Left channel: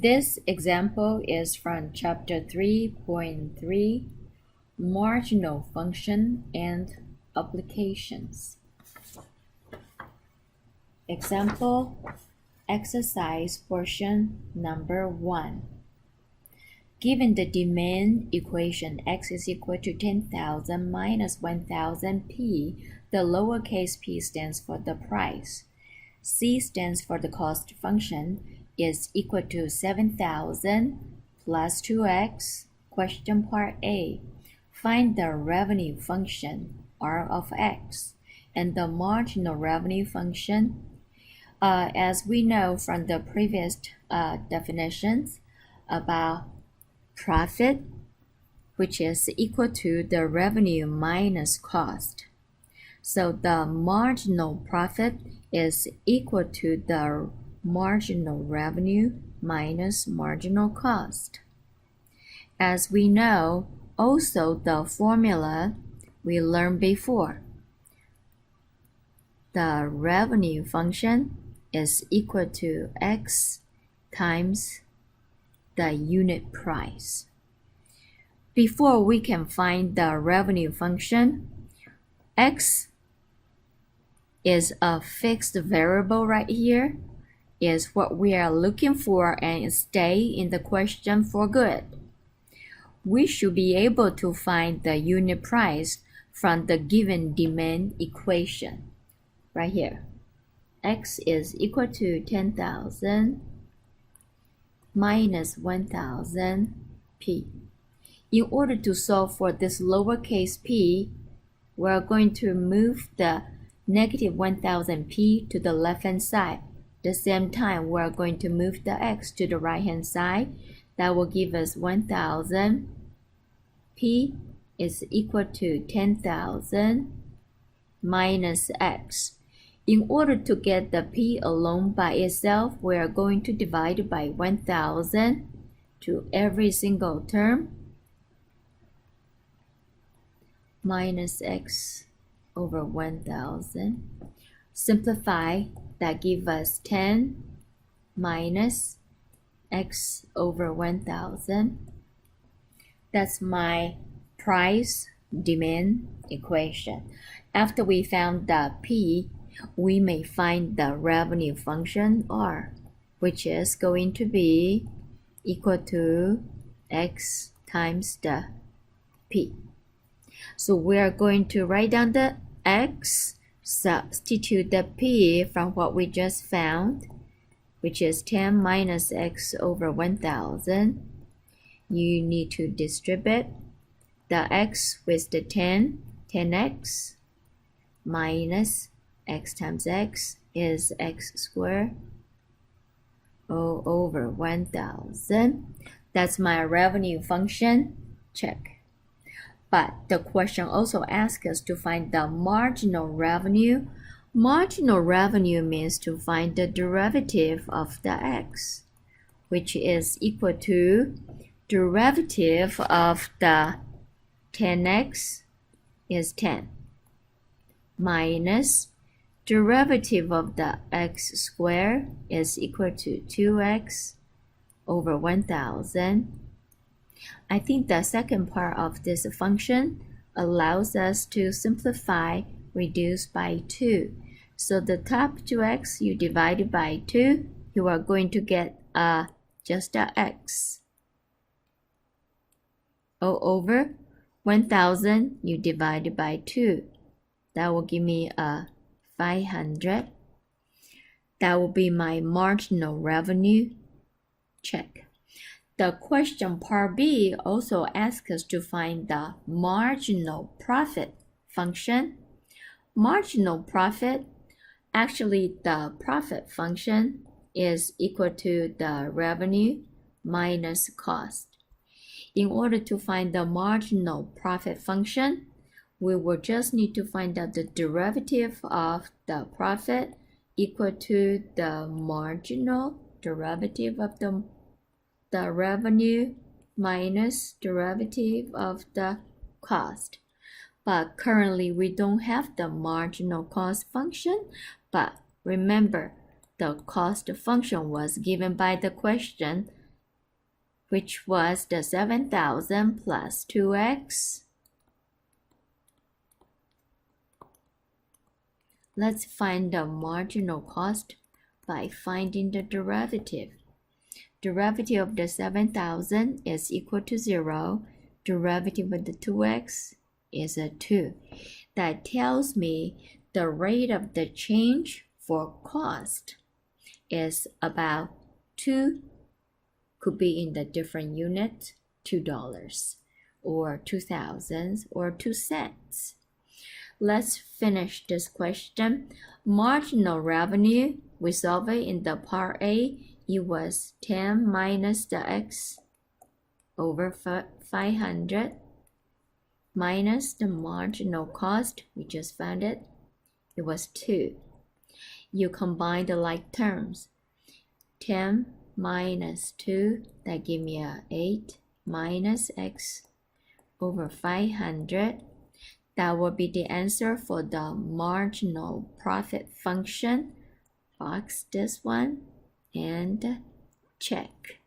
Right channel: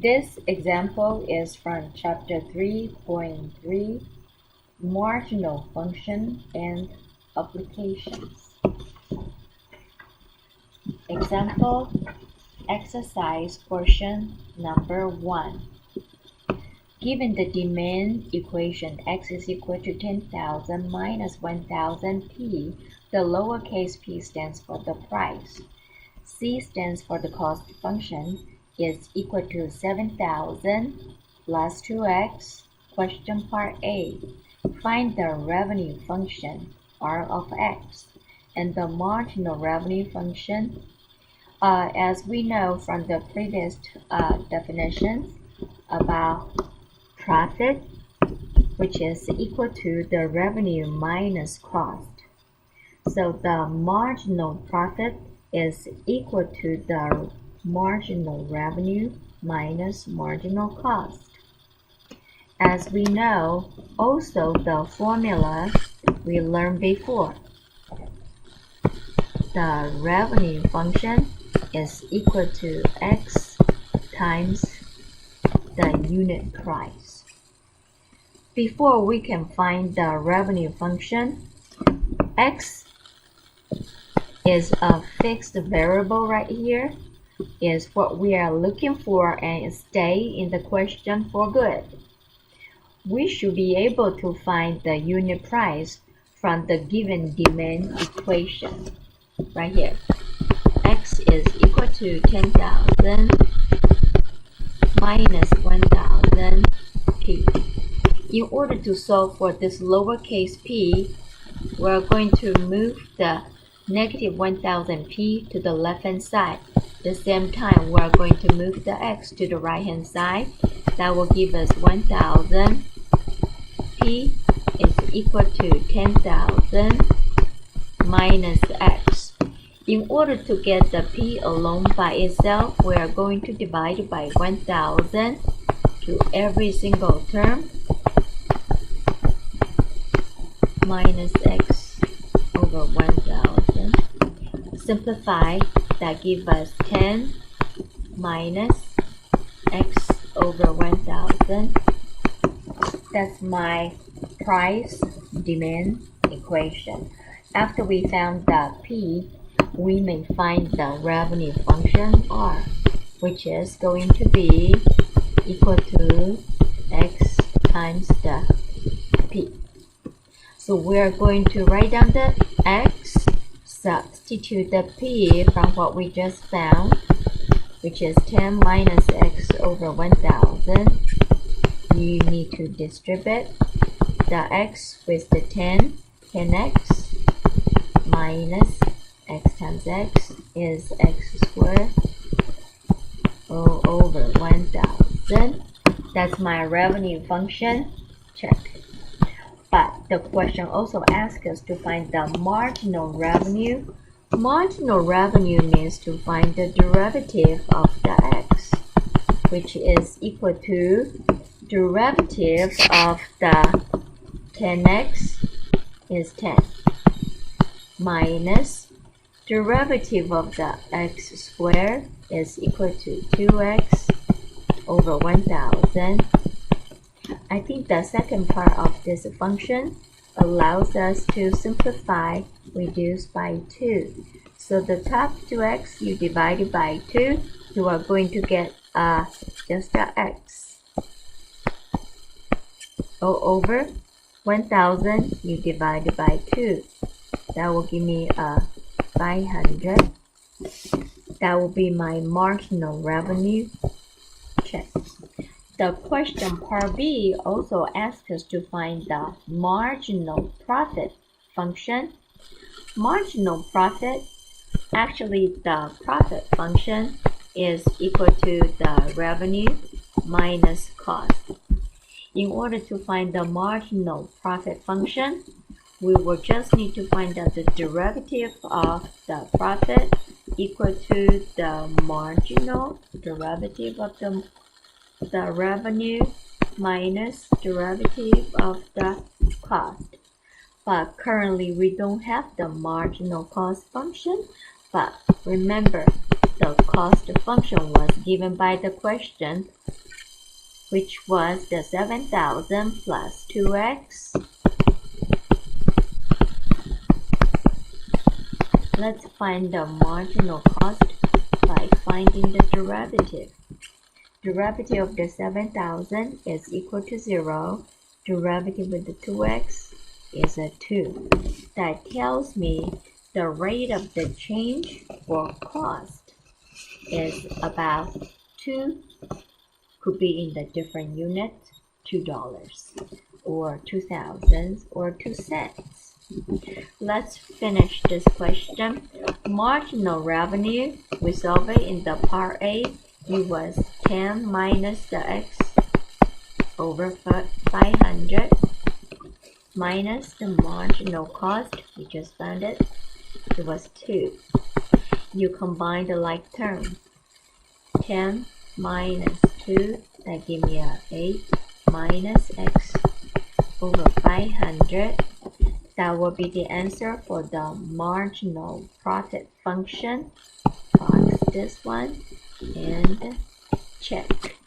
This example is from chapter 3.3, Marginal Function and Applications. Example, exercise portion number 1. Given the demand equation x is equal to 10,000 minus 1,000 p, the lowercase p stands for the price. C stands for the cost function is equal to 7,000 plus 2x. Question part A. Find the revenue function R of x and the marginal revenue function. As we know from the previous definitions about profit, which is equal to the revenue minus cost. So the marginal profit is equal to the marginal revenue minus marginal cost. As we know, also the formula we learned before. The revenue function is equal to x times the unit price. Before we can find the revenue function, x is a fixed variable right here, is what we are looking for and stay in the question for good. We should be able to find the unit price from the given demand equation right here. X is equal to 10,000 minus 1,000 p. In order to solve for this lowercase p, we're going to move the negative 1,000 p to the left hand side. At the same time, we're going to move the x to the right hand side. That will give us 1,000 p is equal to 10,000 minus x. In order to get the p alone by itself, we are going to divide it by 1,000 to every single term, minus x over 1,000. Simplify, that gives us 10 minus x over 1,000. That's my price demand equation. After we found the p, we may find the revenue function R, which is going to be equal to x times the p. So we are going to write down the x, substitute the p from what we just found, which is 10 minus x over 1,000. You need to distribute the x with the 10x minus x times x is x squared over 1,000. That's my revenue function. Check. But the question also asks us to find the marginal revenue. Marginal revenue means to find the derivative of the x, which is equal to derivative of the 10x is 10 minus derivative of the x squared is equal to 2x over 1,000. I think the second part of this function allows us to simplify, reduce by 2. So the top 2x you divide it by 2, you are going to get just a x. Over 1,000 you divide it by 2. That will give me 500. That will be my marginal revenue. Check. The question part B also asks us to find the marginal profit function. Marginal profit, actually the profit function is equal to the revenue minus cost. In order to find the marginal profit function, we will just need to find out the derivative of the profit equal to the marginal derivative of the revenue minus derivative of the cost. But currently we don't have the marginal cost function, but remember the cost function was given by the question, which was the 7,000 plus 2x. Let's find the marginal cost by finding the derivative. Derivative of the 7,000 is equal to 0. Derivative of the 2x is a 2. That tells me the rate of the change for cost is about 2, could be in the different units, $2 or 2,000 or 2 cents. Let's finish this question. Marginal revenue, we solve it in the part A. It was 10 minus the x over 500 minus the marginal cost. We just found it. It was 2. You combine the like terms. 10 minus 2, that give me a 8 minus x over 500. That will be the answer for the marginal profit function. Box this one and check.